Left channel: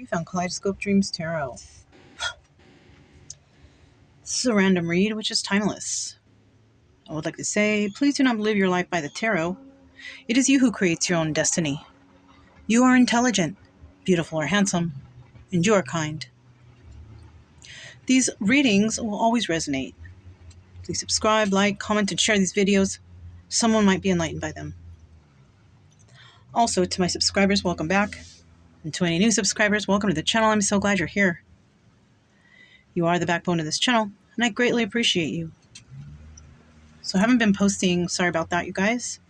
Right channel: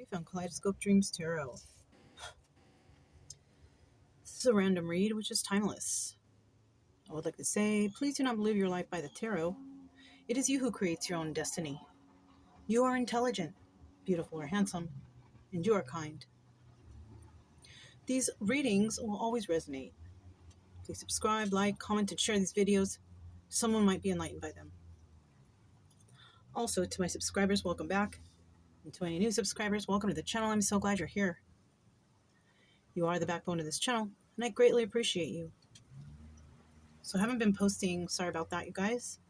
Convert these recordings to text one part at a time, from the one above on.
You found Kaleidoscope Dreams Tarot. This is a random read, which is timeless. I would like to say, please do not live your life by the tarot. It is you who creates your own destiny. You are intelligent, beautiful or handsome, and you are kind. These readings will always resonate. Please subscribe, like, comment, and share these videos. Someone might be enlightened by them. Also, to my subscribers, welcome back. And to any new subscribers, welcome to the channel. I'm so glad you're here. You are the backbone of this channel, and I greatly appreciate you. So I haven't been posting. Sorry about that, you guys.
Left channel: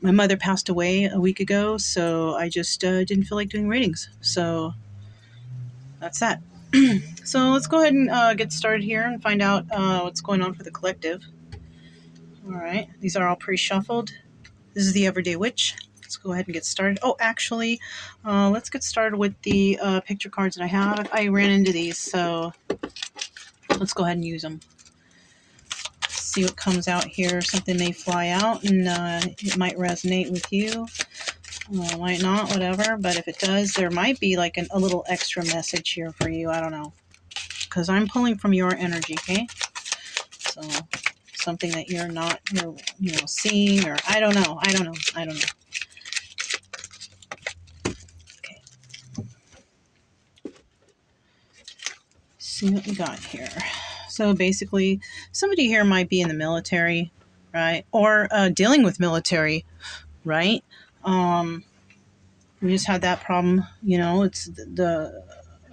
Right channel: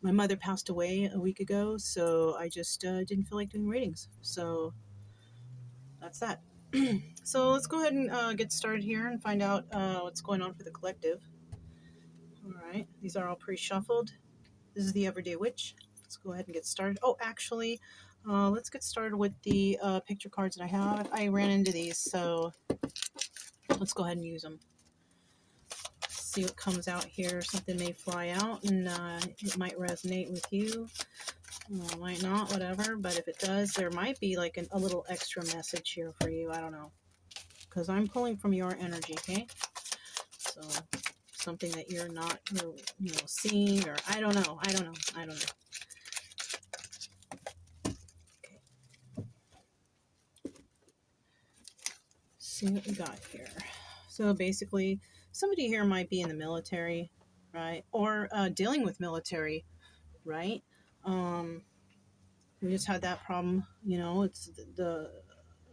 My mother passed away a week ago, so I just didn't feel like doing readings. So that's that. So let's go ahead and get started here and find out what's going on for the collective. All right. These are all pre-shuffled. This is the Everyday Witch. Let's go ahead and get started. Oh, actually, let's get started with the picture cards that I have. I ran into these, so let's go ahead and use them. See what comes out here. Something may fly out and it might resonate with you. Might not, whatever. But if it does, there might be like a little extra message here for you. I don't know. Because I'm pulling from your energy, okay? So something that you're not, seeing, or I don't know. Okay. See what we got here. So basically, somebody here might be in the military, right? Or dealing with military, right? We just had that problem, it's the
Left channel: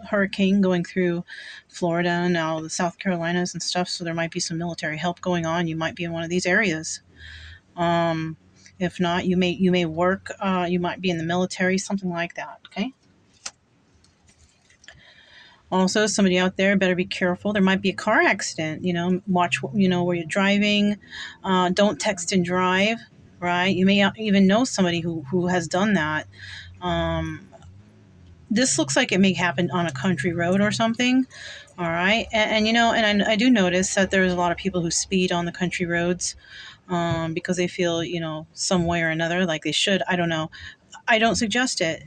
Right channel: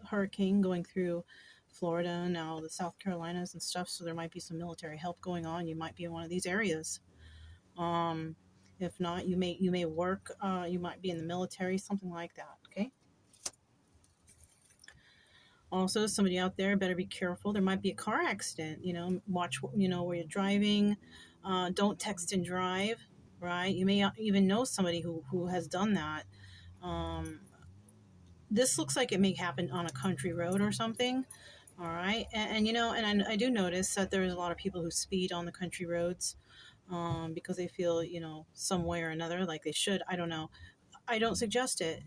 hurricane going through Florida and now the South Carolinas and stuff. So there might be some military help going on. You might be in one of these areas. If not, you may work, you might be in the military, something like that. Okay. Also, somebody out there better be careful. There might be a car accident, watch, where you're driving. Don't text and drive, right? You may even know somebody who has done that. This looks like it may happen on a country road or something. All right. And I do notice that there's a lot of people who speed on the country roads because they feel, some way or another like they should. I don't know. I don't suggest it,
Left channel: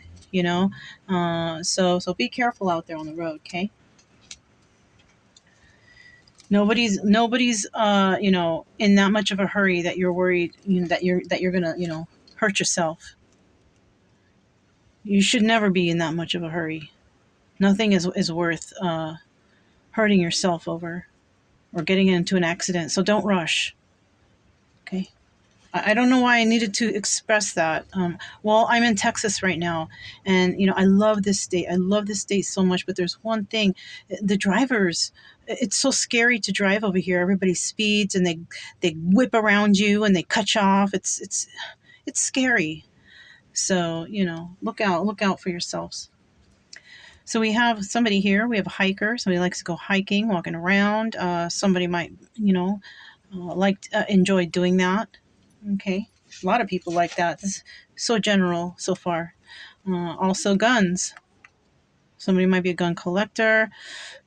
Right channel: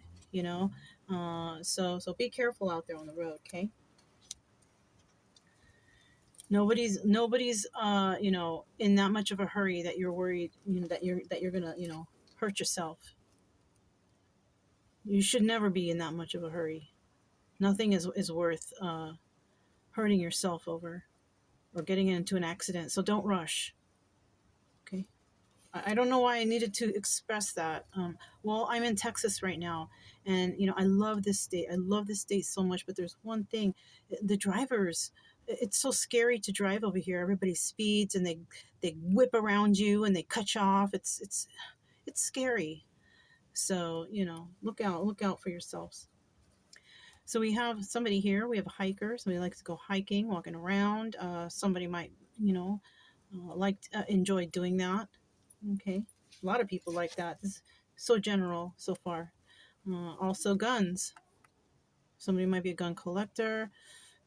so be careful out there on the road. Okay. Nobody's in that much of a hurry that you're worried that you're gonna, hurt yourself. You should never be in that much of a hurry. Nothing is worth hurting yourself over or getting into an accident. So don't rush. Okay. I don't know why I needed to express that. Well, I'm in Texas right now, and I love this state. I love this state so much. But there's one thing: the drivers. It's so scary to drive over here. Everybody speeds and they whip around you and they cut you off. It's scary. So look out for yourselves. So we have somebody here. We have a hiker. Somebody likes to go hiking, walking around. Somebody might enjoy doing that. Okay, a lot of people like that. This is so general so far. Also guns. Somebody might be a gun collector,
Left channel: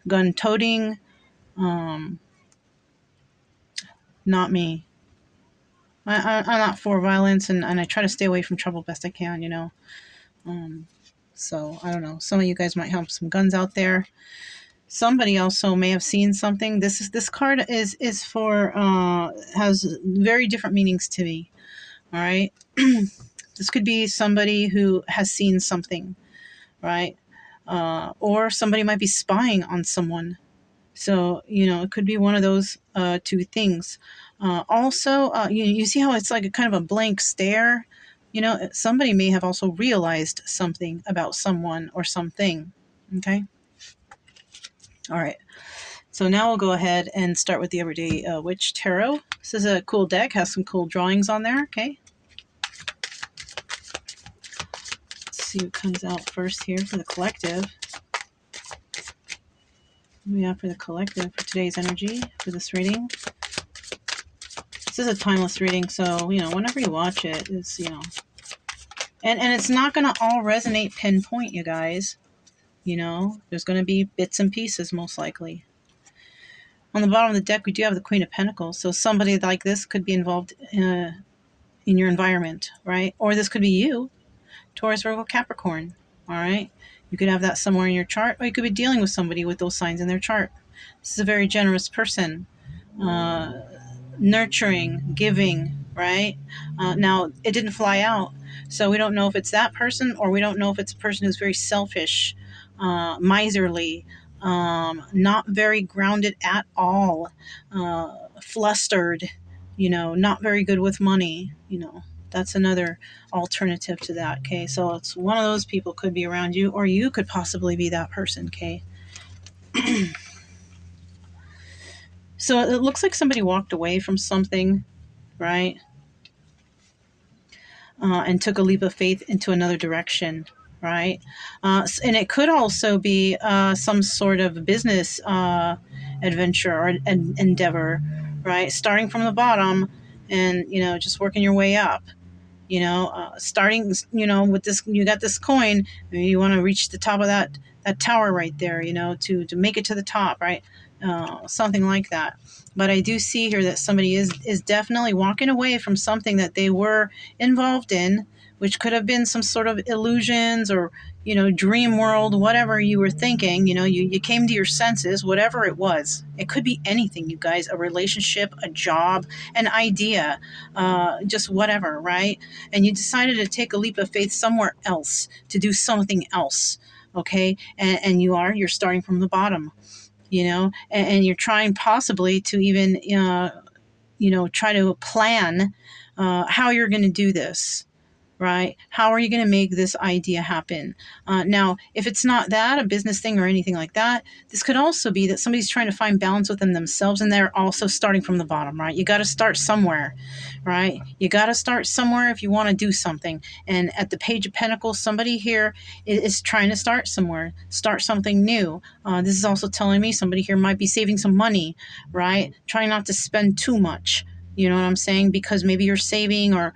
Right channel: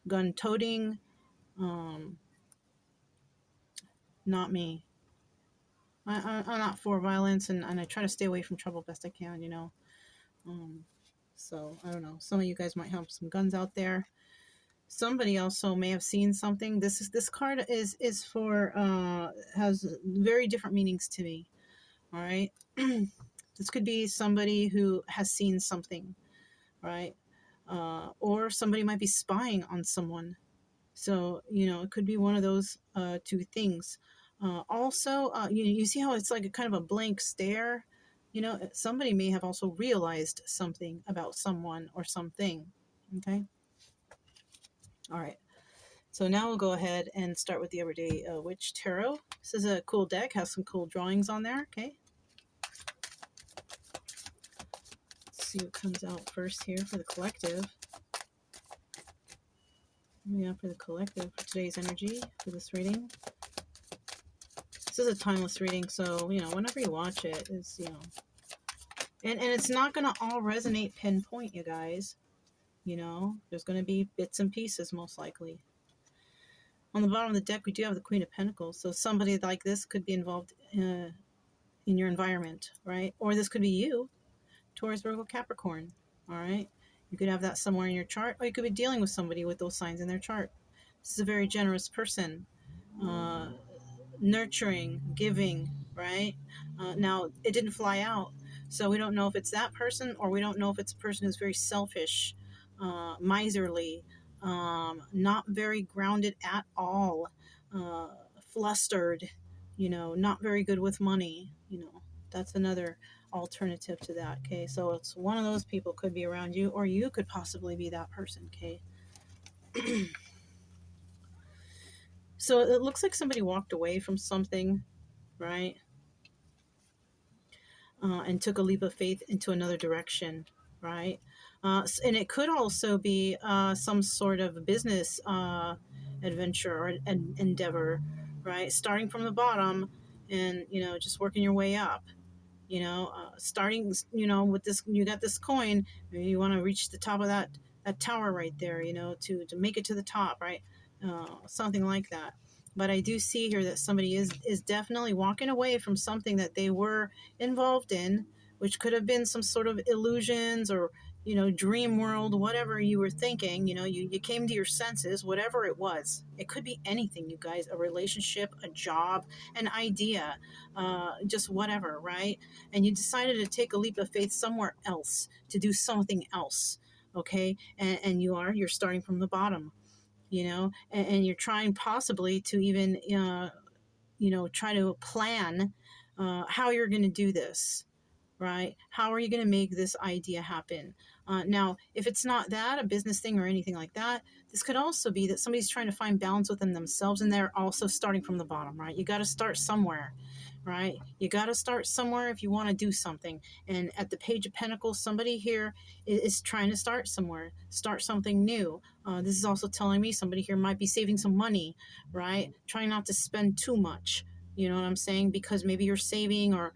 gun toting. Not me. I'm not for violence, and I try to stay away from trouble best I can, so I don't know. Some of you guys might have some guns out there. Somebody also may have seen something. This card is for has very different meanings to me. All right. This could be somebody who has seen something, right? Or somebody might be spying on someone. So, it could be one of those two things. Also, you see how it's like a kind of a blank stare? Somebody may have also realized something about someone or something. Okay. All right. So now we'll go ahead and start with the Everyday Witch Tarot. This is a cool deck, has some cool drawings on there. Okay. Let's see what comes out first here for the collective. What do we have for the collective for today's energy for this reading? This is a timeless reading, so, whenever you watch it, it's, and it's not going to all resonate pinpoint, you guys. There's going to be bits and pieces, most likely. On the bottom of the deck, we do have the Queen of Pentacles. So somebody like this could be involved in your environment, right? Or this could be you, Taurus, Virgo, Capricorn, all right? You could have that somewhere in your chart, or you could be dealing with somebody with those signs in their chart. This is a very generous person. Uh, Nurturing, giving, right? Now, it didn't fly out, so we don't know if it's that person, or we don't know if it's a person who's very selfish, miserly, not very grounded at all, flustered, not very good with money. That's another alternative to that. Okay, so it's one of those people could be around you, or you could possibly be that person. Okay. So it looks like somebody walked away from something, right? And took a leap of faith into another direction, right? And it could also be some sort of business adventure or endeavor, right? Starting from the bottom and, just working your way up. Starting, with this, you got this coin, you want to reach the top of that tower right there, to make it to the top, right? Something like that. But I do see here that somebody is definitely walking away from something that they were involved in, which could have been some sort of illusions or, dream world, whatever you were thinking. You came to your senses, whatever it was. It could be anything, you guys, a relationship, a job, an idea, just whatever, right? And you decided to take a leap of faith somewhere else, to do something else, okay? And you're starting from the bottom, and you're trying possibly to even, try to plan how you're going to do this, right? How are you going to make this idea happen? Now, if it's not that, a business thing or anything like that, this could also be that somebody's trying to find balance within themselves and they're also starting from the bottom, right? You got to start somewhere, right? You got to start somewhere if you want to do something. And at the Page of Pentacles, somebody here is trying to start somewhere, start something new. This is also telling me somebody here might be saving some money, right? Trying not to spend too much. You know what I'm saying? Because maybe you're saving, or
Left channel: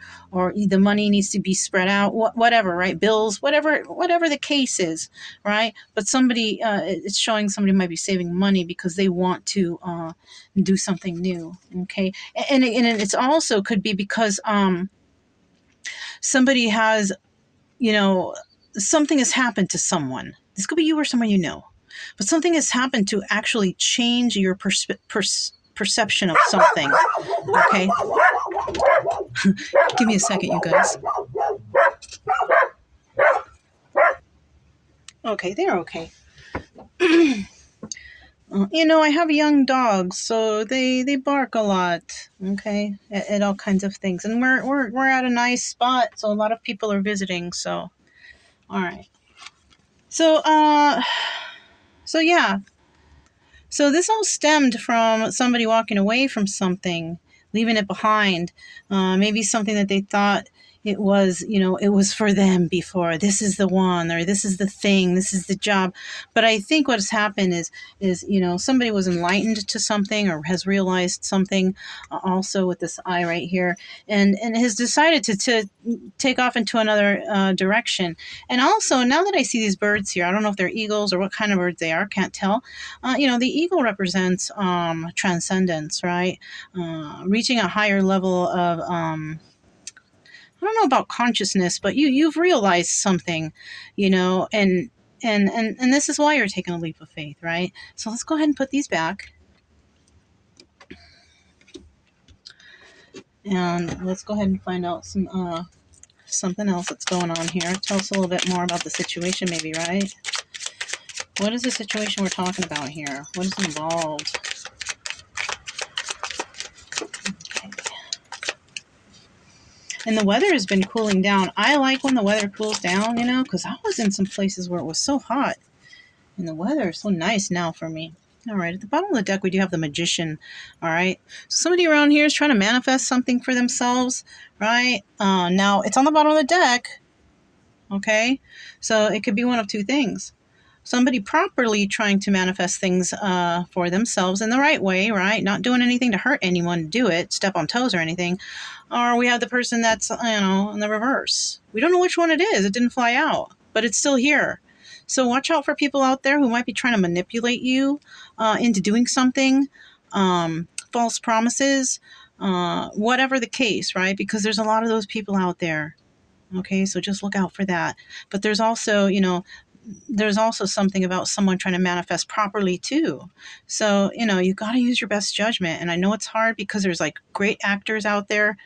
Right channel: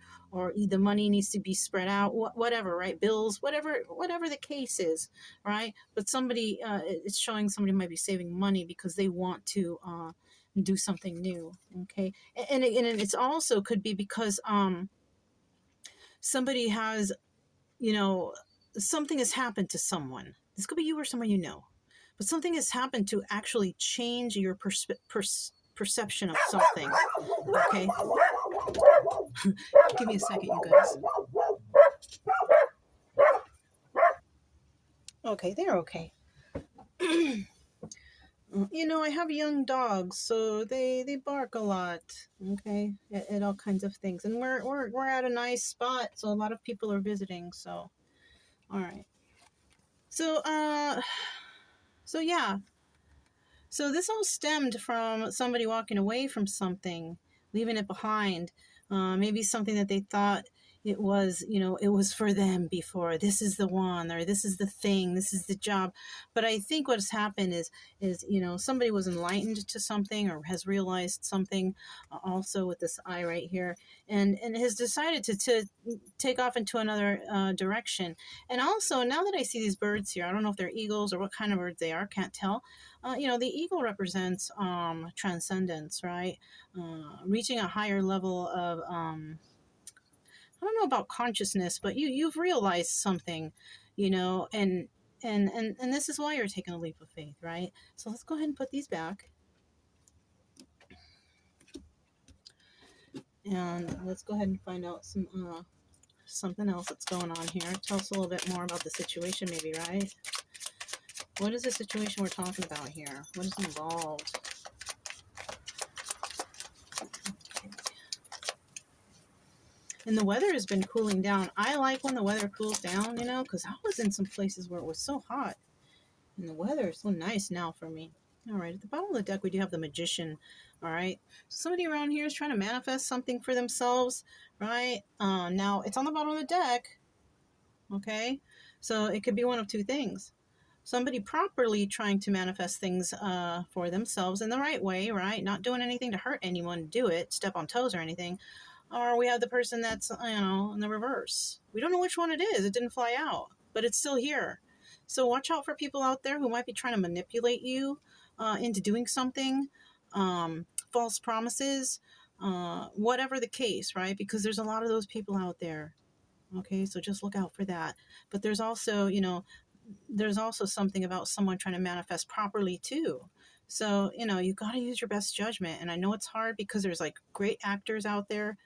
the money needs to be spread out, whatever, right? Bills, whatever the case is, right? But somebody, it's showing somebody might be saving money because they want to do something new, okay? And it's also could be because somebody has, something has happened to someone. This could be you or someone you know. But something has happened to actually change your perception of something, okay? Give me a second, you guys. Okay, they're okay. I have young dogs, so they bark a lot, okay, at all kinds of things. And we're at a nice spot, so a lot of people are visiting, so all right. So yeah. So this all stemmed from somebody walking away from something, leaving it behind. Maybe something that they thought it was, it was for them before. This is the one, or this is the thing, this is the job. But I think what's happened is somebody was enlightened to something or has realized something, also with this eye right here, and has decided to take off into another direction. And also, now that I see these birds here, I don't know if they're eagles or what kind of birds they are, can't tell. The eagle represents transcendence, right? Reaching a higher level of, I don't know about consciousness, but you've realized something, and this is why you're taking a leap of faith, right? So let's go ahead and put these back. And let's go ahead and find out something else that's going on here. Tell us a little bit more about the situation, maybe, right? What is the situation we're talking about here? What is involved? Okay. And the weather has been cooling down. I like when the weather cools down, because I was in some places where it was so hot. And the weather is so nice now for me. All right, at the bottom of the deck, we do have the Magician. All right, so somebody around here is trying to manifest something for themselves, right? Now, it's on the bottom of the deck, okay? So it could be one of two things. Somebody properly trying to manifest things for themselves in the right way, right? Not doing anything to hurt anyone, do it, step on toes or anything. Or we have the person that's, in the reverse. We don't know which one it is. It didn't fly out, but it's still here. So watch out for people out there who might be trying to manipulate you into doing something, false promises, whatever the case, right? Because there's a lot of those people out there. Okay, so just look out for that. But there's also, there's also something about someone trying to manifest properly too. So, you got to use your best judgment. And I know it's hard because there's like great actors out there,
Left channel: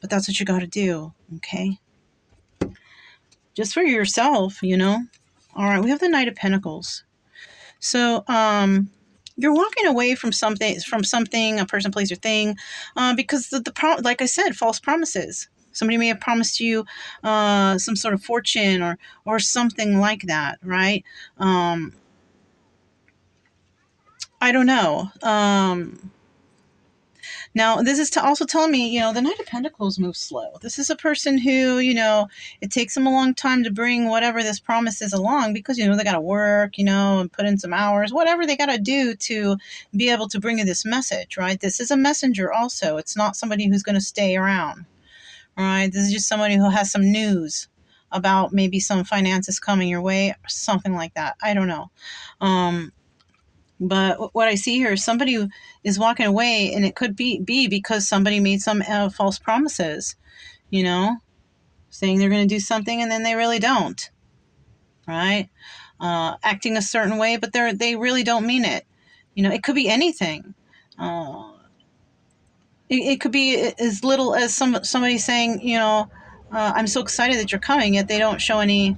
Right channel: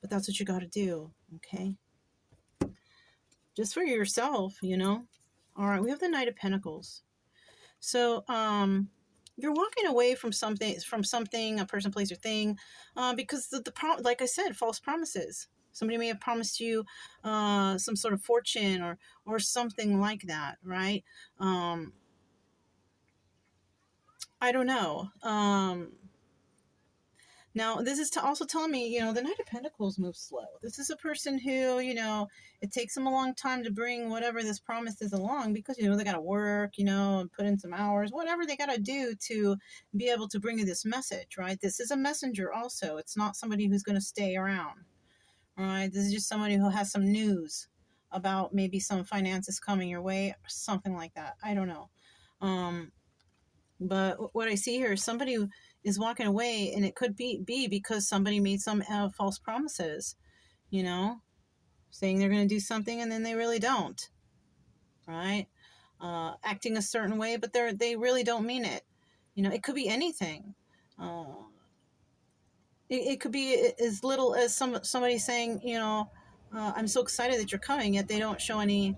but that's what you got to do. Okay. Just for yourself. All right. We have the Knight of Pentacles. So, you're walking away from something, a person, place, or thing, because like I said, false promises. Somebody may have promised you some sort of fortune or something like that, right? I don't know. Now, this is also telling me, the Knight of Pentacles moves slow. This is a person who, it takes them a long time to bring whatever this promise is along because, they got to work, and put in some hours, whatever they got to do to be able to bring you this message, right? This is a messenger also. It's not somebody who's going to stay around, right? This is just somebody who has some news about maybe some finances coming your way or something like that. I don't know. But what I see here is somebody is walking away, and it could be because somebody made some false promises, saying they're going to do something and then they really don't, right? Acting a certain way, but they really don't mean it. It could be anything. It could be as little as somebody saying, I'm so excited that you're coming, yet they don't show any,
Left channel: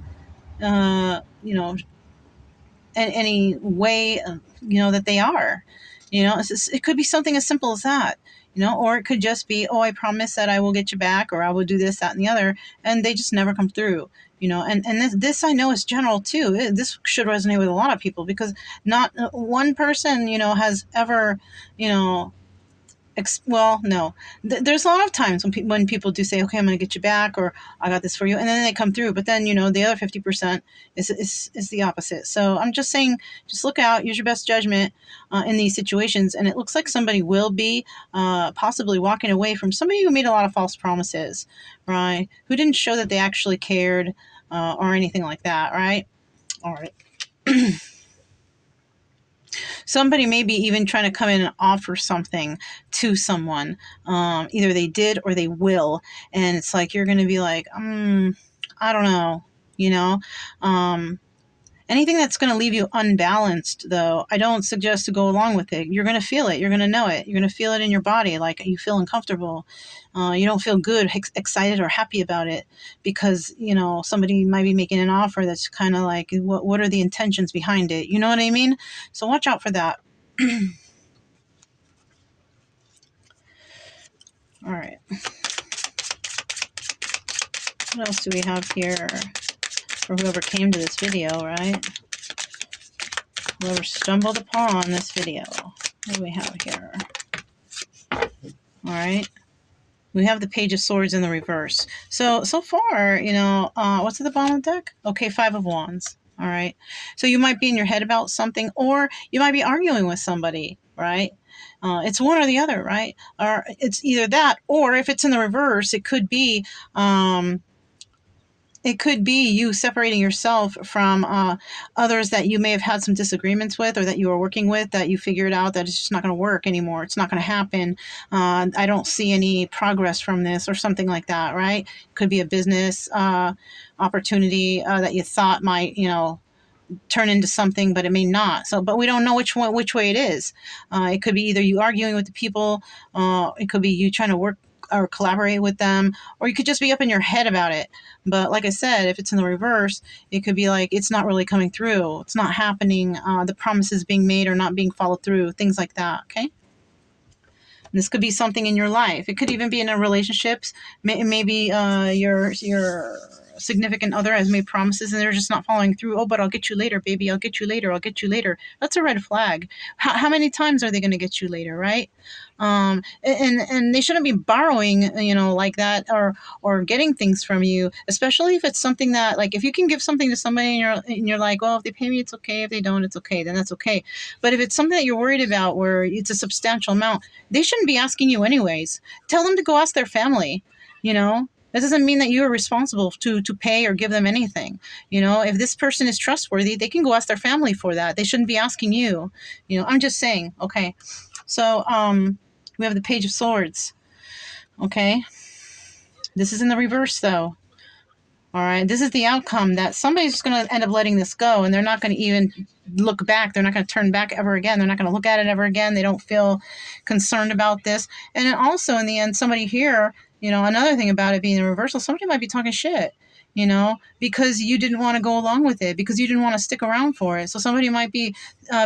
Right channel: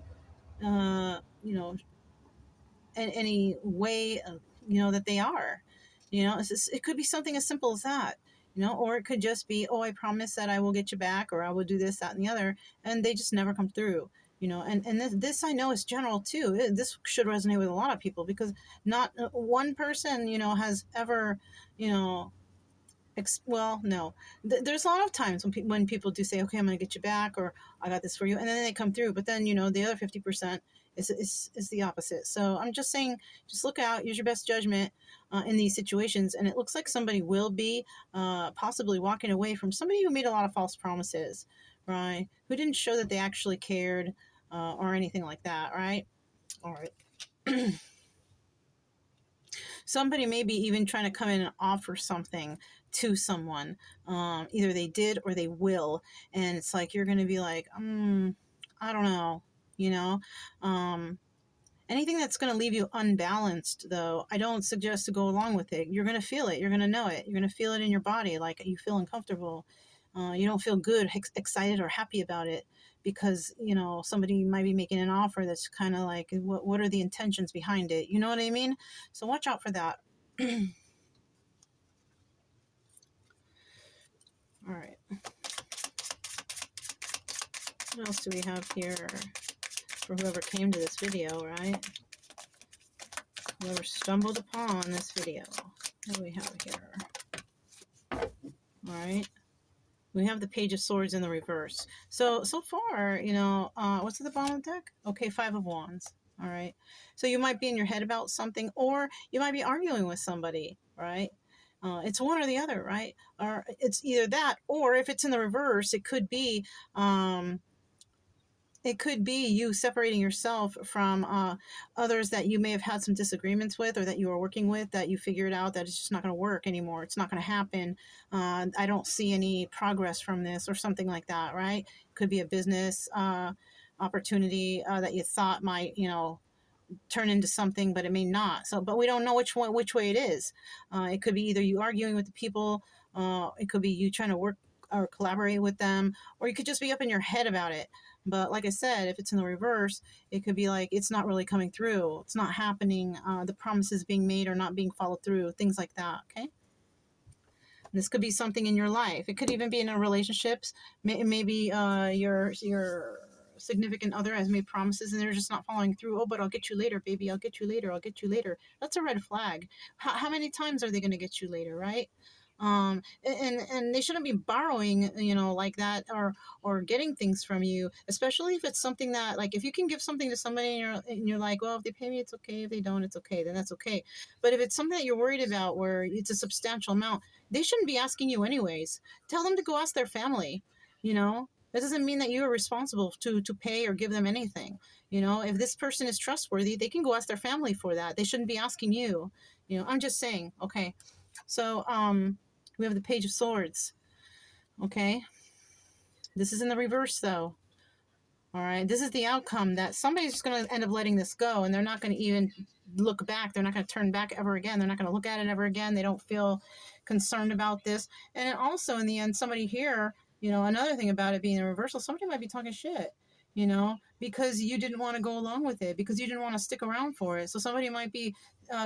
any way that they are. It could be something as simple as that. Or it could just be, oh, I promise that I will get you back, or I will do this, that, and the other, and they just never come through. And this I know is general too. This should resonate with a lot of people because not one person has ever you know well, no. There's a lot of times when people do say, "Okay, I'm going to get you back," or "I got this for you," and then they come through. But then the other 50% is the opposite. So I'm just saying, just look out, use your best judgment in these situations. And it looks like somebody will be possibly walking away from somebody who made a lot of false promises, right? Who didn't show that they actually cared or anything like that, right? All right. Somebody may be even trying to come in and offer something to someone. Either they did or they will. And it's like you're going to be like, I don't know, you know? Anything that's going to leave you unbalanced, though, I don't suggest to go along with it. You're going to feel it. You're going to know it. You're going to feel it in your body, like you feel uncomfortable. You don't feel good, excited, or happy about it because, somebody might be making an offer that's kind of like, what are the intentions behind it? You know what I mean? So watch out for that. All right. What else do we have here for whoever came to this video, right? Whoever stumbled upon this video. What do we have here? All right. We have the Page of Swords in the reverse. So far, what's at the bottom of the deck? Okay, Five of Wands. All right. So you might be in your head about something, or you might be arguing with somebody, right? It's one or the other, right? Or it's either that, or if it's in the reverse, it could be you separating yourself from others that you may have had some disagreements with or that you are working with, that you figured out that it's just not going to work anymore. It's not going to happen. I don't see any progress from this or something like that, right? Could be a business opportunity that you thought might, turn into something, but it may not. So, but we don't know which way it is. It could be either you arguing with the people, it could be you trying to work or collaborate with them, or you could just be up in your head about it. But like I said, if it's in the reverse, it could be like it's not really coming through. It's not happening. The promises being made are not being followed through. Things like that. Okay. This could be something in your life. It could even be in a relationships. Maybe your significant other has made promises and they're just not following through. Oh, but I'll get you later, baby. I'll get you later. I'll get you later. That's a red flag. How many times are they going to get you later, right? And they shouldn't be borrowing, like that, or getting things from you, especially if it's something that, like, if you can give something to somebody and you're like, well, if they pay me, it's okay. If they don't, it's okay. Then that's okay. But if it's something that you're worried about where it's a substantial amount, they shouldn't be asking you anyways. Tell them to go ask their family, That doesn't mean that you are responsible to pay or give them anything. If this person is trustworthy, they can go ask their family for that. They shouldn't be asking you. I'm just saying, okay. So, we have the Page of Swords. Okay. This is in the reverse, though. All right. This is the outcome, that somebody's going to end up letting this go, and they're not going to even look back. They're not going to turn back ever again. They're not going to look at it ever again. They don't feel concerned about this. And then also, in the end, somebody here, another thing about it being a reversal, somebody might be talking shit, because you didn't want to go along with it, because you didn't want to stick around for it. So somebody might be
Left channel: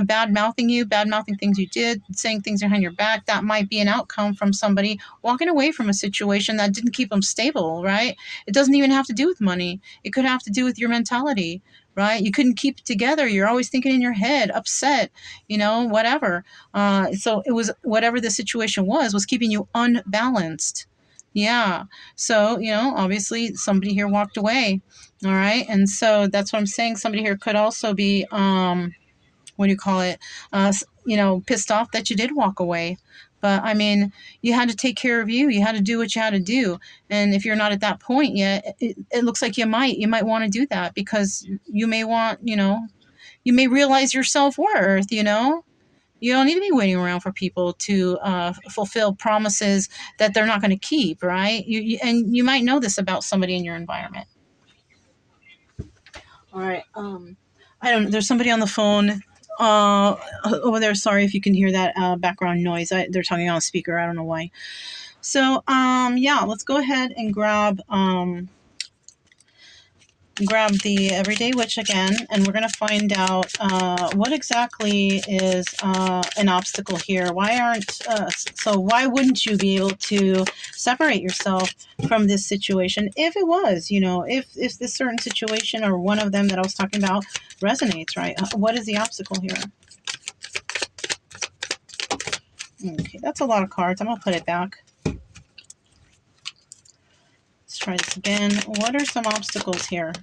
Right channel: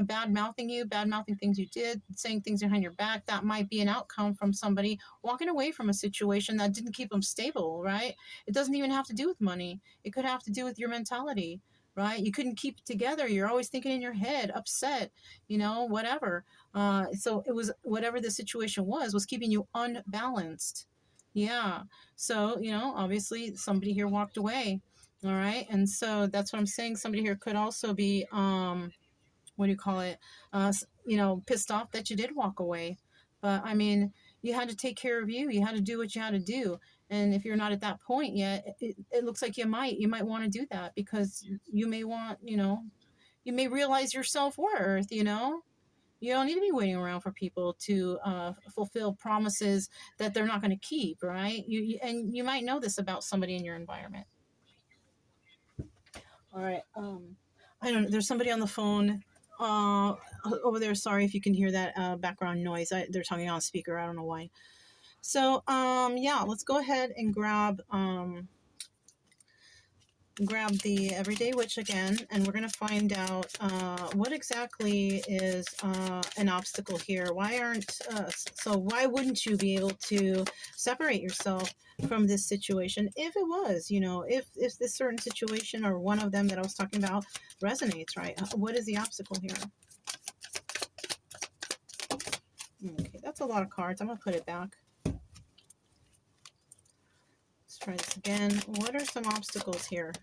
bad mouthing you, bad mouthing things you did, saying things behind your back. That might be an outcome from somebody walking away from a situation that didn't keep them stable, right? It doesn't even have to do with money. It could have to do with your mentality, right? You couldn't keep it together. You're always thinking in your head, upset, whatever. So it was, whatever the situation was keeping you unbalanced. Yeah. So, obviously somebody here walked away. All right. And so that's what I'm saying. Somebody here could also be, what do you call it? Pissed off that you did walk away. But I mean, you had to take care of you. You had to do what you had to do. And if you're not at that point yet, it looks like you might want to do that, because you may want, you may realize your self-worth, You don't need to be waiting around for people to fulfill promises that they're not going to keep, right? And you might know this about somebody in your environment. All right. I don't know. There's somebody on the phone over there. Sorry if you can hear that background noise. They're talking on a speaker. I don't know why. So, yeah, let's go ahead and grab the Everyday Witch again, and we're going to find out what exactly is an obstacle here. Why wouldn't you be able to separate yourself from this situation if it was, if this certain situation or one of them that I was talking about resonates, right? What is the obstacle here? Okay, that's a lot of cards. I'm going to put it back. Let's try this again. What are some obstacles here?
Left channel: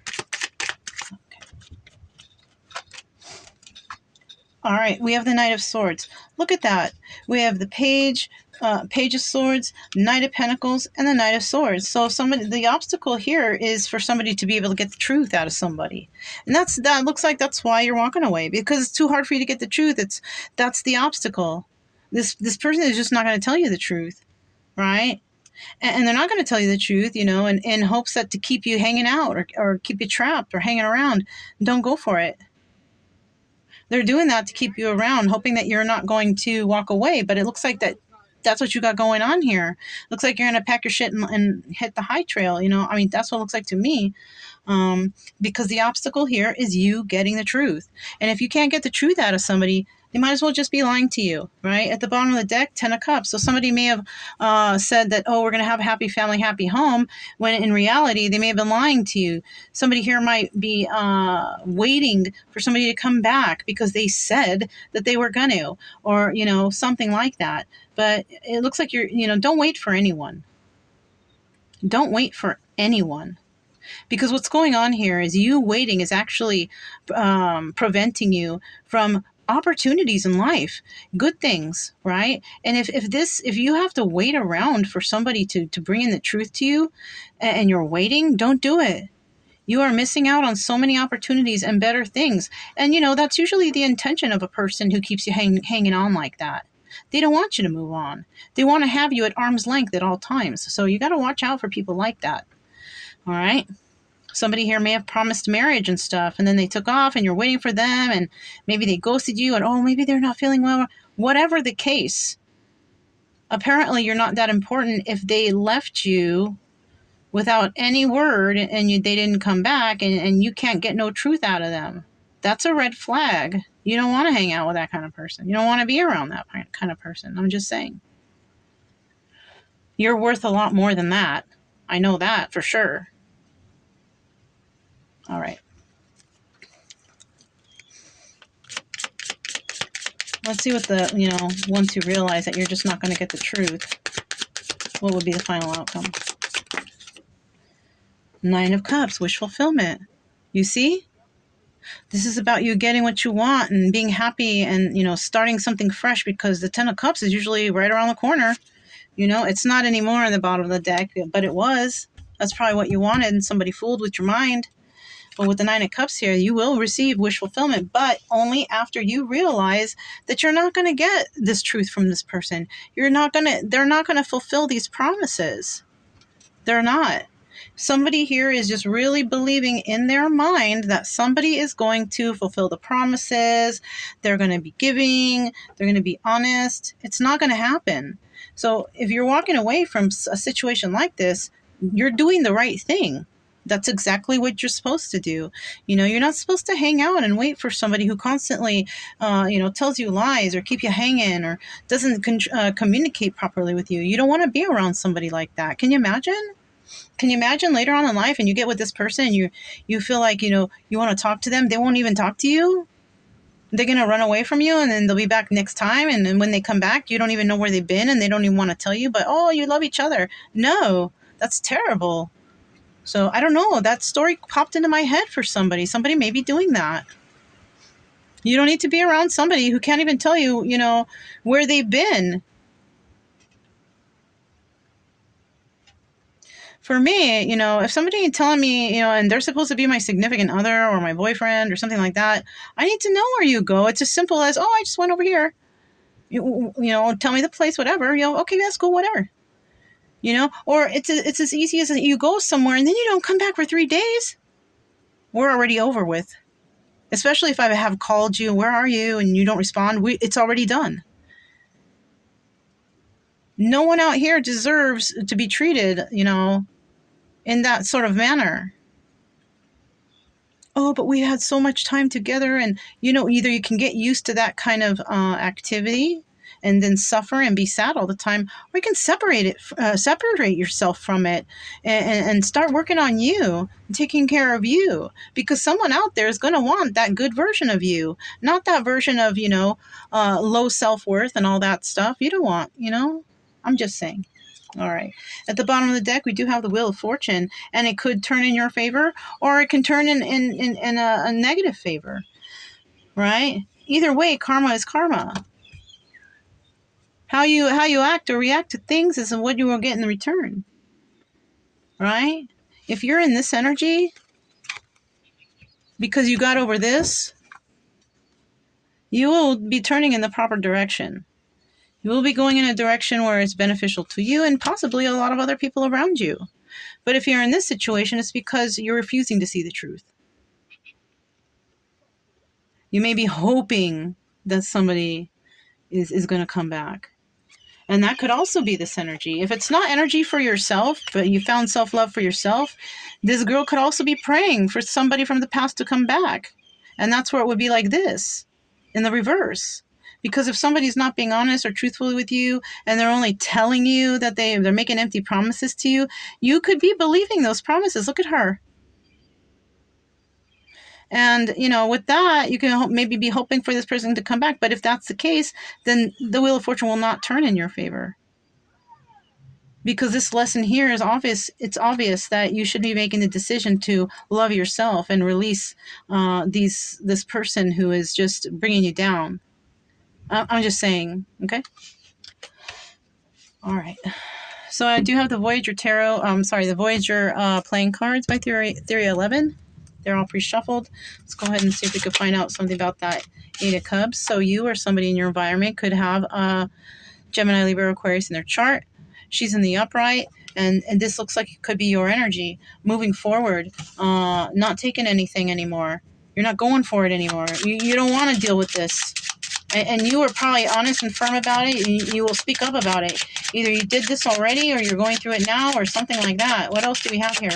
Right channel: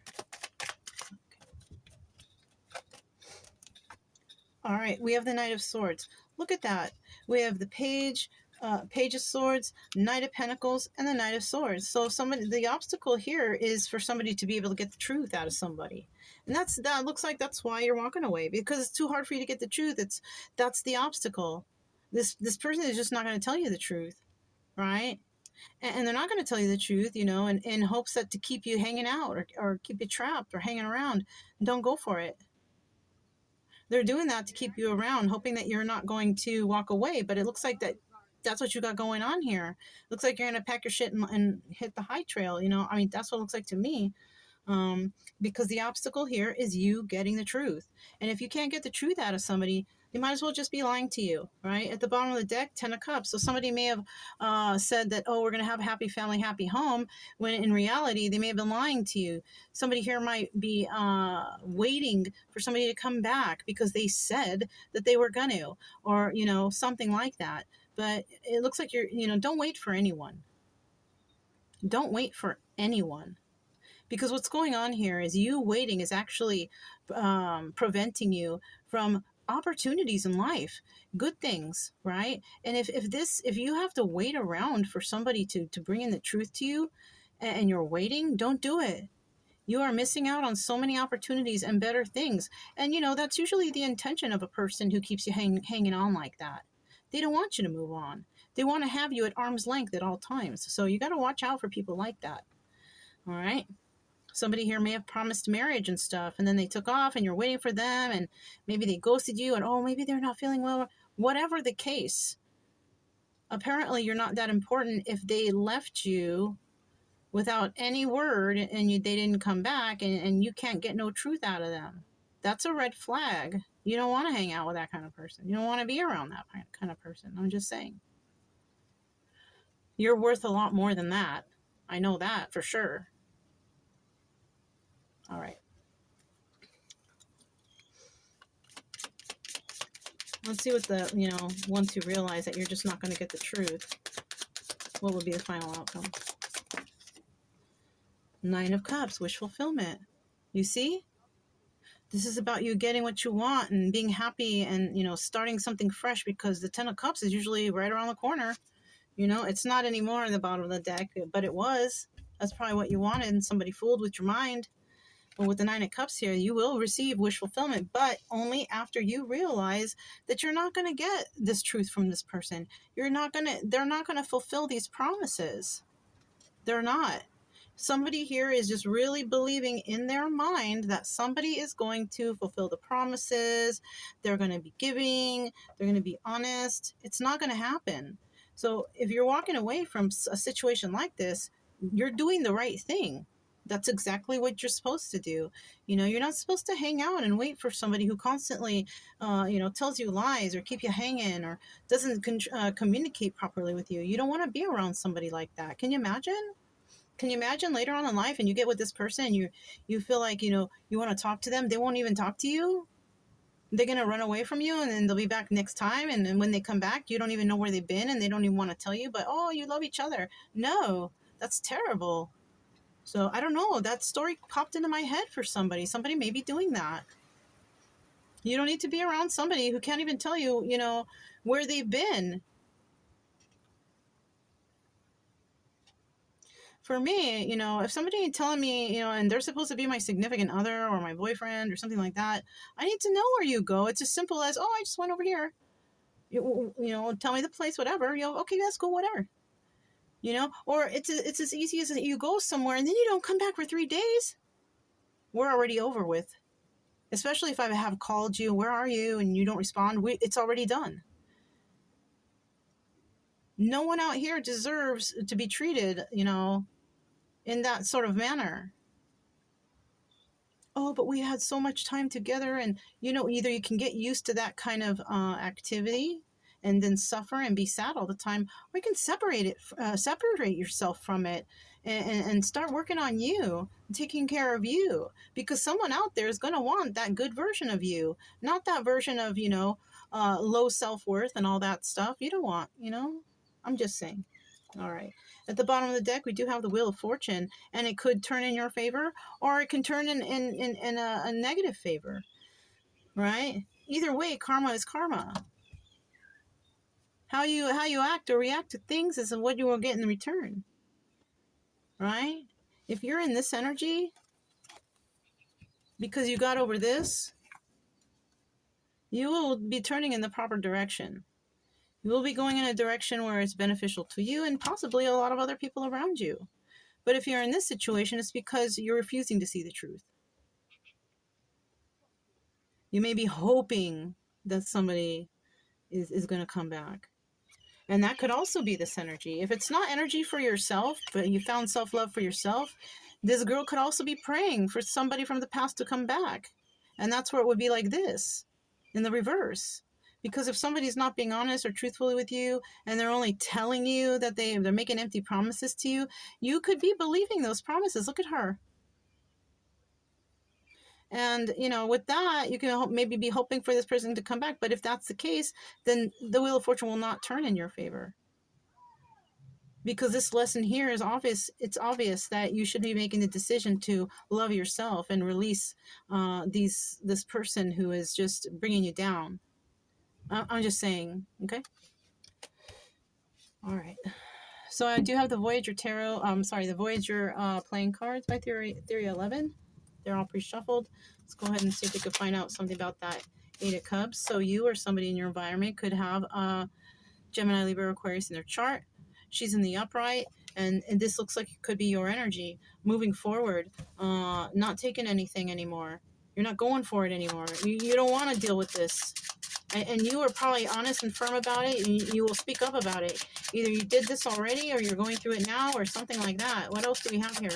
All right, we have the Knight of Swords. Look at that. We have the Page of Swords, Knight of Pentacles, and the Knight of Swords. So the obstacle here is for somebody to be able to get the truth out of somebody, and that looks like that's why you're walking away, because it's too hard for you to get the truth. That's the obstacle. This person is just not going to tell you the truth, right? And they're not going to tell you the truth, in hopes that to keep you hanging out or keep you trapped or hanging around. Don't go for it. They're doing that to keep you around, hoping that you're not going to walk away. But it looks like that's what you got going on here. Looks like you're going to pack your shit and hit the high trail. I mean, that's what it looks like to me. Because the obstacle here is you getting the truth. And if you can't get the truth out of somebody, they might as well just be lying to you, right? At the bottom of the deck, 10 of Cups. So somebody may have said that, oh, we're going to have a happy family, happy home, when in reality, they may have been lying to you. Somebody here might be waiting for somebody to come back because they said that they were going to, or, something like that. But it looks like don't wait for anyone. Don't wait for anyone. Because what's going on here is you waiting is actually preventing you from opportunities in life, good things, right? And if you have to wait around for somebody to bring in the truth to you, and you're waiting, don't do it. You are missing out on so many opportunities and better things. And that's usually the intention of a person who keeps you hanging on like that. They don't want you to move on. They want to have you at arm's length at all times. So you got to watch out for people like that. All right. Somebody here may have promised marriage and stuff, and then they took off and you're waiting for them, and maybe they ghosted you, and maybe they're not feeling well. Whatever the case, apparently you're not that important if they left you without any word and they didn't come back, and you can't get no truth out of them. That's a red flag. You don't want to hang out with that kind of person. You don't want to be around that kind of person. I'm just saying. You're worth a lot more than that. I know that for sure. All right. Let's see what once you realize that you're just not going to get the truth, what would be the final outcome? Nine of Cups, wish fulfillment. You see? This is about you getting what you want and being happy and, starting something fresh, because the 10 of Cups is usually right around the corner. It's not anymore in the bottom of the deck, but it was. That's probably what you wanted, and somebody fooled with your mind. But with the 9 of Cups here, you will receive wish fulfillment, but only after you realize that you're not going to get this truth from this person. They're not going to fulfill these promises. They're not. Somebody here is just really believing in their mind that somebody is going to fulfill the promises. They're going to be giving. They're going to be honest. It's not going to happen. So if you're walking away from a situation like this, you're doing the right thing. That's exactly what you're supposed to do. You're not supposed to hang out and wait for somebody who constantly, tells you lies or keep you hanging or doesn't communicate properly with you. You don't want to be around somebody like that. Can you imagine? Can you imagine later on in life and you get with this person and you feel like, you want to talk to them, they won't even talk to you? They're going to run away from you and then they'll be back next time. And then when they come back, you don't even know where they've been and they don't even want to tell you, but, oh, you love each other. No, that's terrible. So I don't know. That story popped into my head for somebody. Somebody may be doing that. You don't need to be around somebody who can't even tell you, where they've been. For me, if somebody telling me, and they're supposed to be my significant other or my boyfriend or something like that, I need to know where you go. It's as simple as, oh, I just went over here. Tell me the place, whatever. Okay, that's cool, whatever. Or it's as easy as you go somewhere and then you don't come back for 3 days. We're already over with. Especially if I have called you, where are you, and you don't respond. It's already done. No one out here deserves to be treated, in that sort of manner. Oh, but we had so much time together, and either you can get used to that kind of activity and then suffer and be sad all the time, or you can separate yourself from it and start working on you and taking care of you, because someone out there is going to want that good version of you, not that version of low self-worth and all that stuff. You don't want. I'm just saying. All right. At the bottom of the deck, we do have the Wheel of Fortune, and it could turn in your favor, or it can turn in a negative favor, right? Either way, karma is karma. How you act or react to things is what you will get in return, right? If you're in this energy because you got over this, you will be turning in the proper direction. You will be going in a direction where it's beneficial to you and possibly a lot of other people around you. But if you're in this situation, it's because you're refusing to see the truth. You may be hoping that somebody is going to come back. And that could also be this energy. If it's not energy for yourself, but you found self-love for yourself, this girl could also be praying for somebody from the past to come back. And that's where it would be like this, in the reverse. Because if somebody's not being honest or truthful with you, and they're only telling you that they're making empty promises to you, you could be believing those promises. Look at her. And, with that, you can maybe be hoping for this person to come back. But if that's the case, then the Wheel of Fortune will not turn in your favor. Because this lesson here is obvious. It's obvious that you should be making the decision to love yourself and release this person who is just bringing you down. I'm just saying, okay? All right. So I do have the Voyager Tarot, the Voyager playing cards by Theory 11. They're all pre-shuffled. Let's go ahead and see if we can find out something about that Eight of Cups. So you or somebody in your environment could have Gemini, Libra, Aquarius in their chart. She's in the upright, and this looks like it could be your energy moving forward, not taking anything anymore. You're not going for it anymore. You don't want to deal with this. And you are probably honest and firm about it. You will speak up about it. Either you did this already or you're going through it now or something like that. What else do we have here?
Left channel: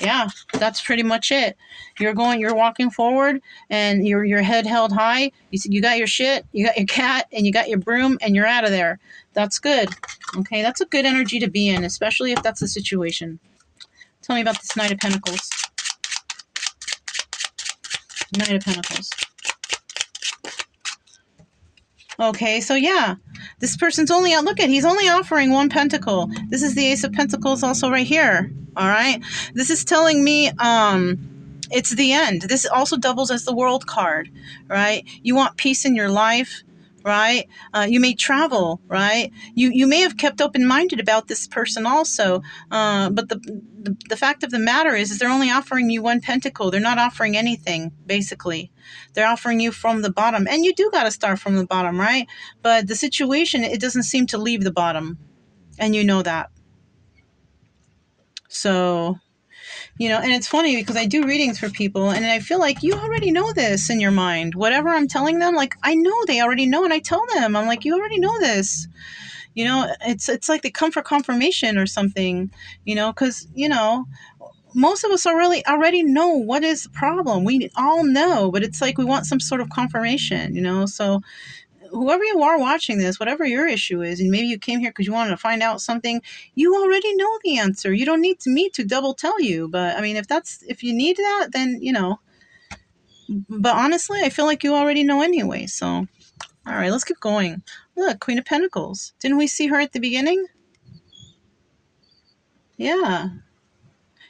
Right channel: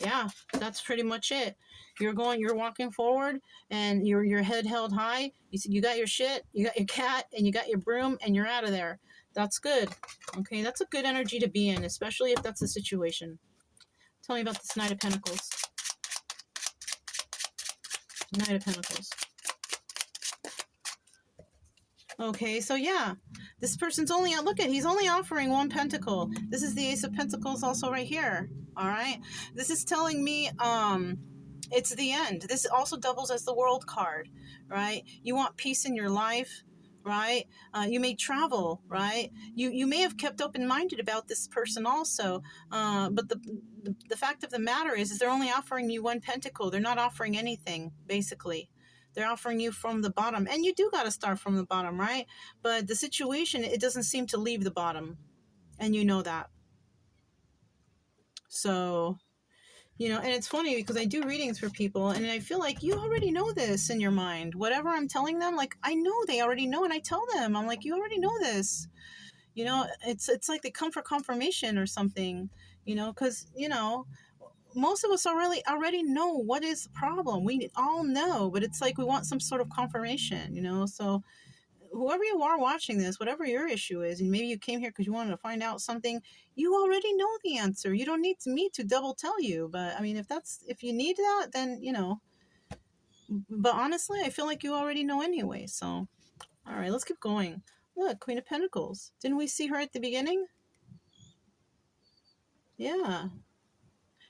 Yeah, that's pretty much it. You're walking forward and your head held high. You got your shit, you got your cat, and you got your broom, and you're out of there. That's good. Okay, that's a good energy to be in, especially if that's the situation. Tell me about this Knight of Pentacles. Knight of Pentacles. Okay, so yeah, this person's only out. Look at, he's only offering one pentacle. This is the Ace of Pentacles also right here. All right, this is telling me it's the end. This also doubles as the World card, right? You want peace in your life, right? You may travel, right? You may have kept open-minded about this person also, but the fact of the matter is they're only offering you one pentacle. They're not offering anything, basically. They're offering you from the bottom, and you do got to start from the bottom, right? But the situation, it doesn't seem to leave the bottom, and you know that. So, and it's funny because I do readings for people and I feel like you already know this in your mind. Whatever I'm telling them, like, I know they already know, and I tell them, I'm like, you already know this. It's like they come for confirmation or something, because, most of us already know what is the problem. We all know, but it's like we want some sort of confirmation, So whoever you are watching this, whatever your issue is, and maybe you came here because you wanted to find out something, you already know the answer. You don't need me to double tell you. But I mean, if you need that, then But honestly, I feel like you already know anyway. So, all right, let's keep going. Look, Queen of Pentacles. Didn't we see her at the beginning? Yeah.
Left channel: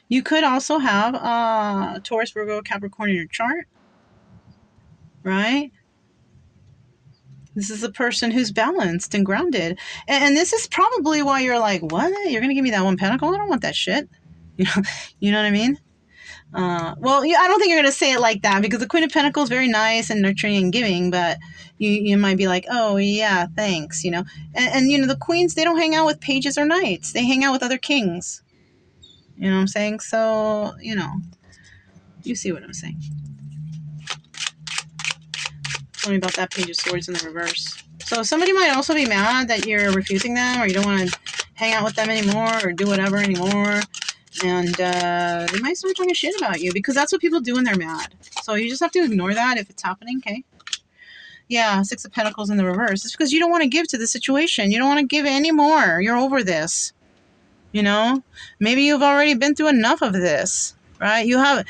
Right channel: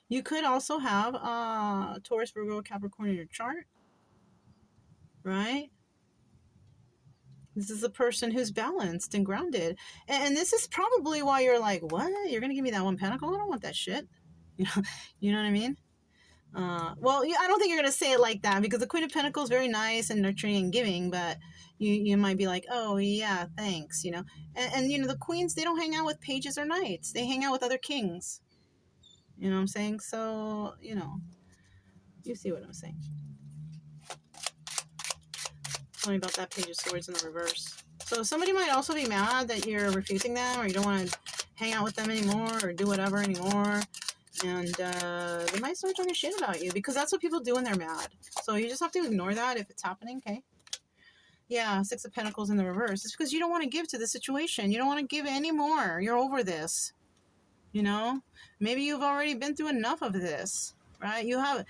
You could also have Taurus, Virgo, Capricorn in your chart, right? This is a person who's balanced and grounded. And this is probably why you're like, what? You're going to give me that one pentacle? I don't want that shit. You know what I mean? Well, I don't think you're going to say it like that, because the Queen of Pentacles is very nice and nurturing and giving, but you might be like, oh, yeah, thanks, And the queens, they don't hang out with pages or knights. They hang out with other kings. You know what I'm saying? So, you see what I'm saying. Tell me about that Page of Swords in the reverse. So somebody might also be mad that you're refusing them, or you don't want to hang out with them anymore or do whatever anymore. And they might start talking shit about you, because that's what people do when they're mad. So you just have to ignore that if it's happening, okay? Yeah, Six of Pentacles in the reverse. It's because you don't want to give to the situation. You don't want to give anymore. You're over this. Maybe you've already been through enough of this, right? You have,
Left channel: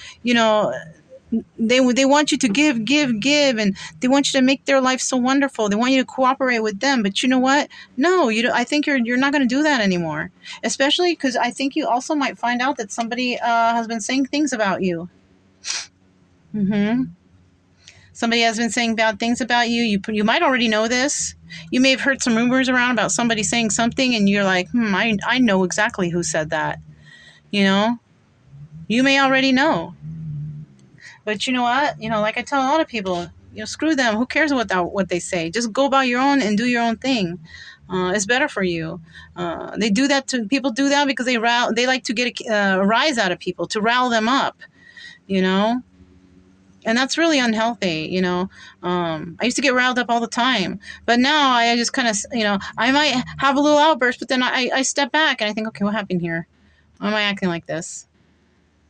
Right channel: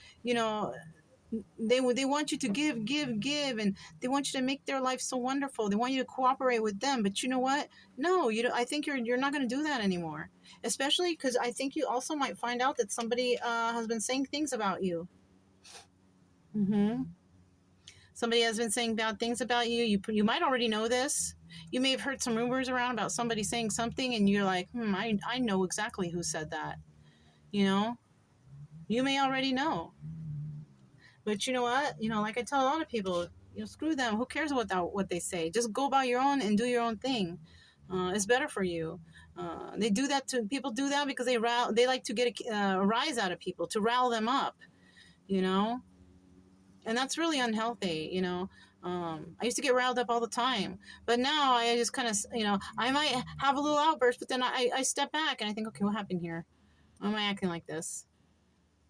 they want you to give, and they want you to make their life so wonderful. They want you to cooperate with them, but you know what? No, I think you're not going to do that anymore. Especially because I think you also might find out that somebody has been saying things about you. Somebody has been saying bad things about you. You might already know this. You may have heard some rumors around about somebody saying something, and you're like, I know exactly who said that. You may already know. But you know what? Like I tell a lot of people, screw them. Who cares what they say? Just go about your own and do your own thing. It's better for you. They do that to people. Do that because they like to get a rise out of people, to rile them up. And that's really unhealthy. I used to get riled up all the time, but now I just kind of, I might have a little outburst, but then I step back and I think, okay, what happened here? Why am I acting like this?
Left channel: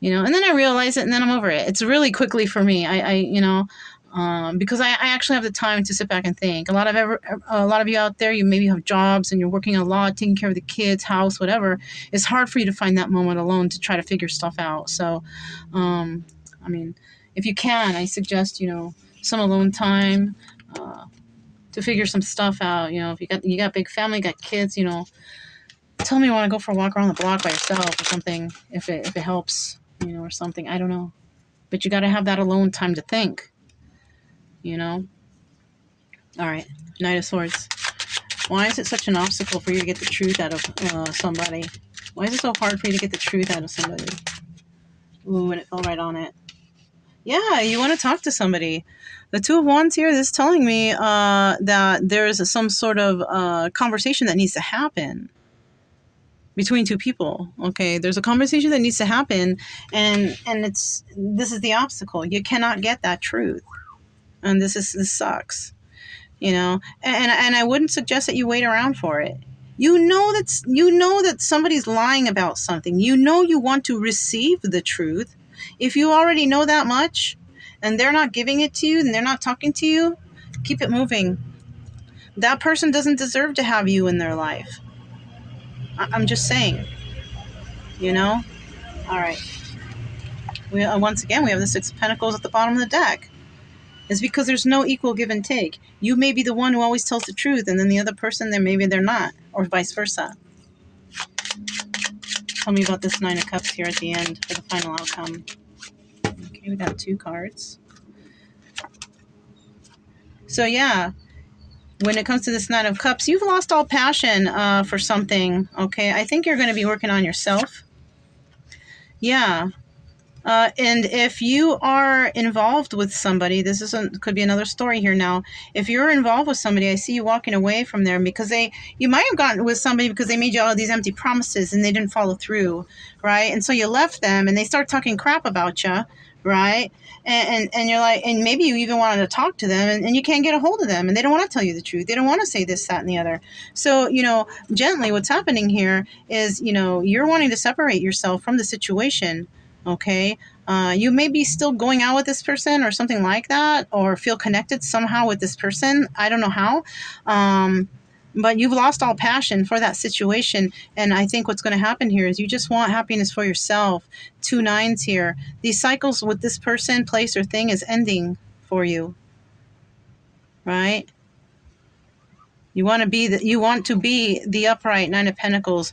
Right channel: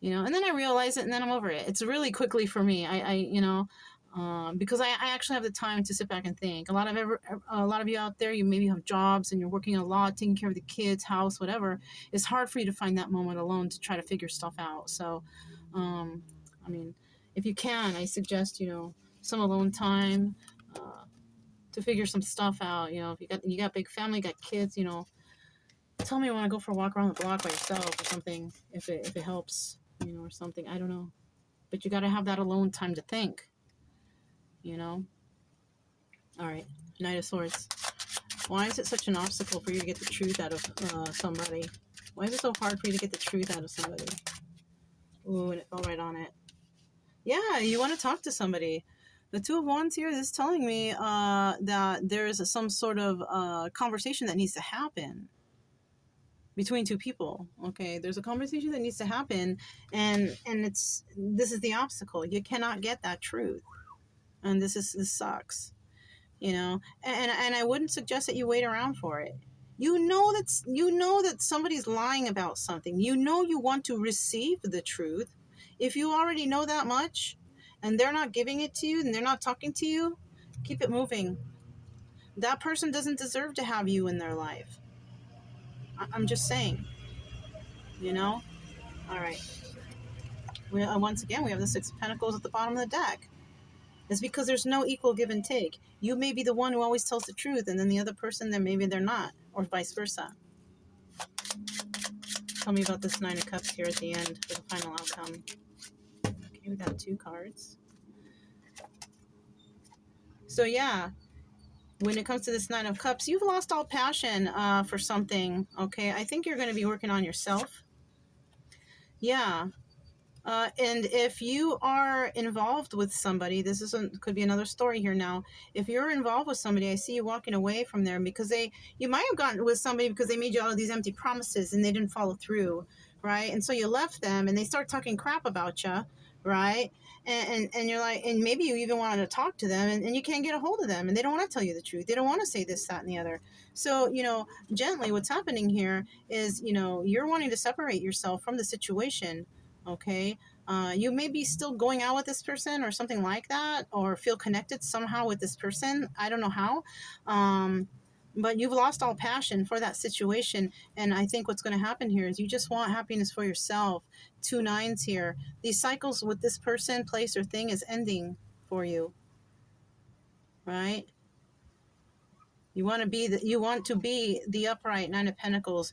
And then I realize it, and then I'm over it. It's really quickly for me. Because I actually have the time to sit back and think. A lot of you out there, you maybe have jobs and you're working a lot, taking care of the kids, house, whatever. It's hard for you to find that moment alone to try to figure stuff out. So, if you can, I suggest, some alone time to figure some stuff out. If you got big family, got kids, tell me you want to go for a walk around the block by yourself or something, if it helps. Or something. I don't know. But you got to have that alone time to think. All right. Knight of Swords. Why is it such an obstacle for you to get the truth out of somebody? Why is it so hard for you to get the truth out of somebody? Ooh, and it fell right on it. Yeah, you want to talk to somebody. The Two of Wands here, this is telling me that there's some sort of conversation that needs to happen between two people. Okay, there's a conversation that needs to happen, and this is the obstacle. You cannot get that truth, and this sucks. And I wouldn't suggest that you wait around for it. You know that somebody's lying about something. You want to receive the truth. If you already know that much, and they're not giving it to you, and they're not talking to you, keep it moving. That person doesn't deserve to have you in their life. I'm just saying. All right. Once again, we have the Six of Pentacles at the bottom of the deck. It's because there's no equal give and take. You may be the one who always tells the truth, and then the other person, maybe they're not, or vice versa. Tell me about this Nine of Cups here at the end for the final outcome. Okay, we got 2 cards. So yeah, when it comes to this Nine of Cups, you've lost all passion for something. Okay, I think you're going to be working on yourself. Yeah. And if you are involved with somebody, could be another story here now. If you're involved with somebody, I see you walking away from there because you might have gotten with somebody because they made you all these empty promises and they didn't follow through, right? And so you left them and they start talking crap about you, right? And you're like, and maybe you even wanted to talk to them and you can't get a hold of them and they don't want to tell you the truth. They don't want to say this, that, and the other. So, gently what's happening here is, you're wanting to separate yourself from the situation. Okay. You may be still going out with this person or something like that, or feel connected somehow with this person. I don't know how. But you've lost all passion for that situation. And I think what's going to happen here is you just want happiness for yourself. 2 nines here. These cycles with this person, place, or thing is ending for you. Right? You want to be the upright 9 of Pentacles,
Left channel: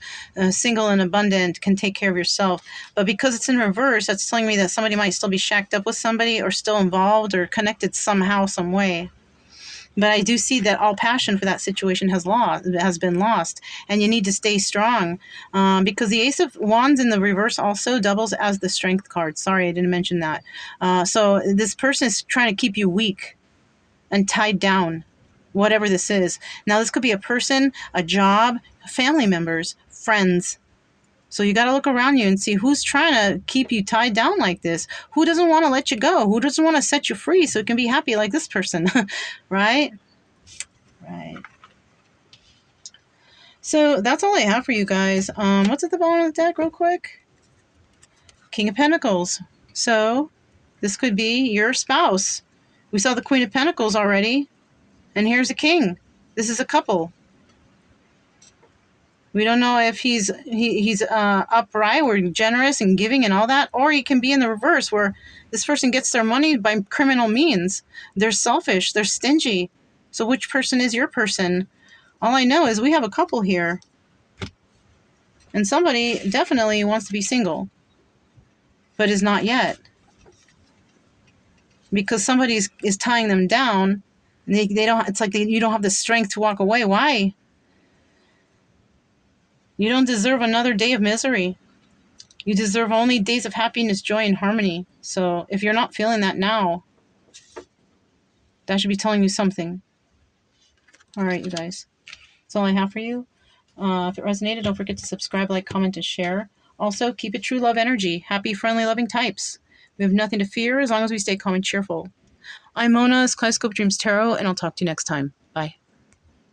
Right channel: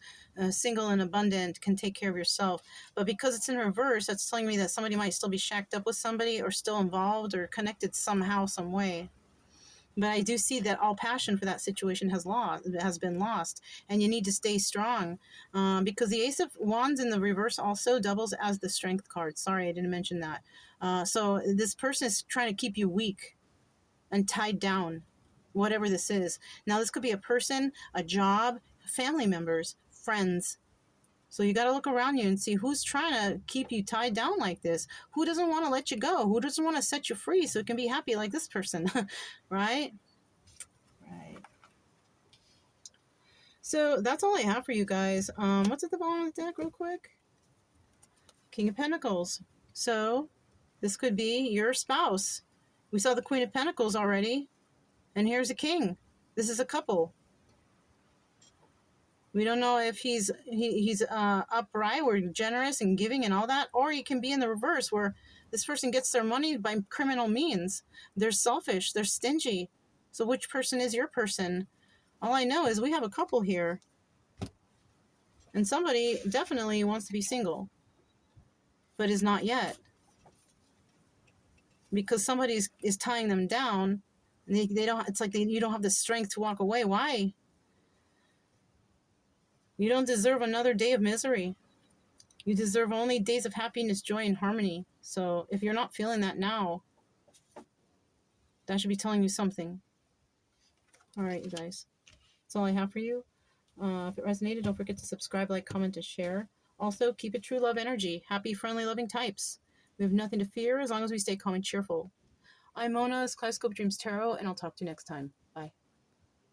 single and abundant, can take care of yourself. But because it's in reverse, that's telling me that somebody might still be shacked up with somebody or still involved or connected somehow, some way. But I do see that all passion for that situation has been lost, and you need to stay strong, because the Ace of Wands in the reverse also doubles as the Strength card. Sorry, I didn't mention that. So this person is trying to keep you weak and tied down, whatever this is. Now, this could be a person, a job, family members, friends. So you got to look around you and see who's trying to keep you tied down like this. Who doesn't want to let you go? Who doesn't want to set you free so you can be happy like this person, right? Right. So that's all I have for you guys. What's at the bottom of the deck real quick? King of Pentacles. So this could be your spouse. We saw the Queen of Pentacles already. And here's a king. This is a couple. We don't know if he's upright or generous and giving and all that, or he can be in the reverse where this person gets their money by criminal means. They're selfish. They're stingy. So which person is your person? All I know is we have a couple here. And somebody definitely wants to be single, but is not yet. Because somebody is tying them down. They don't. It's like you don't have the strength to walk away. Why? You don't deserve another day of misery. You deserve only days of happiness, joy, and harmony. So if you're not feeling that now, that should be telling you something. All right, you guys. That's all I have for you. If it resonated, don't forget to subscribe, like, comment, and share. Also, keep it true love energy. Happy, friendly, loving types. We have nothing to fear as long as we stay calm and cheerful. I'm Mona's Kaleidoscope Dreams Tarot, and I'll talk to you next time.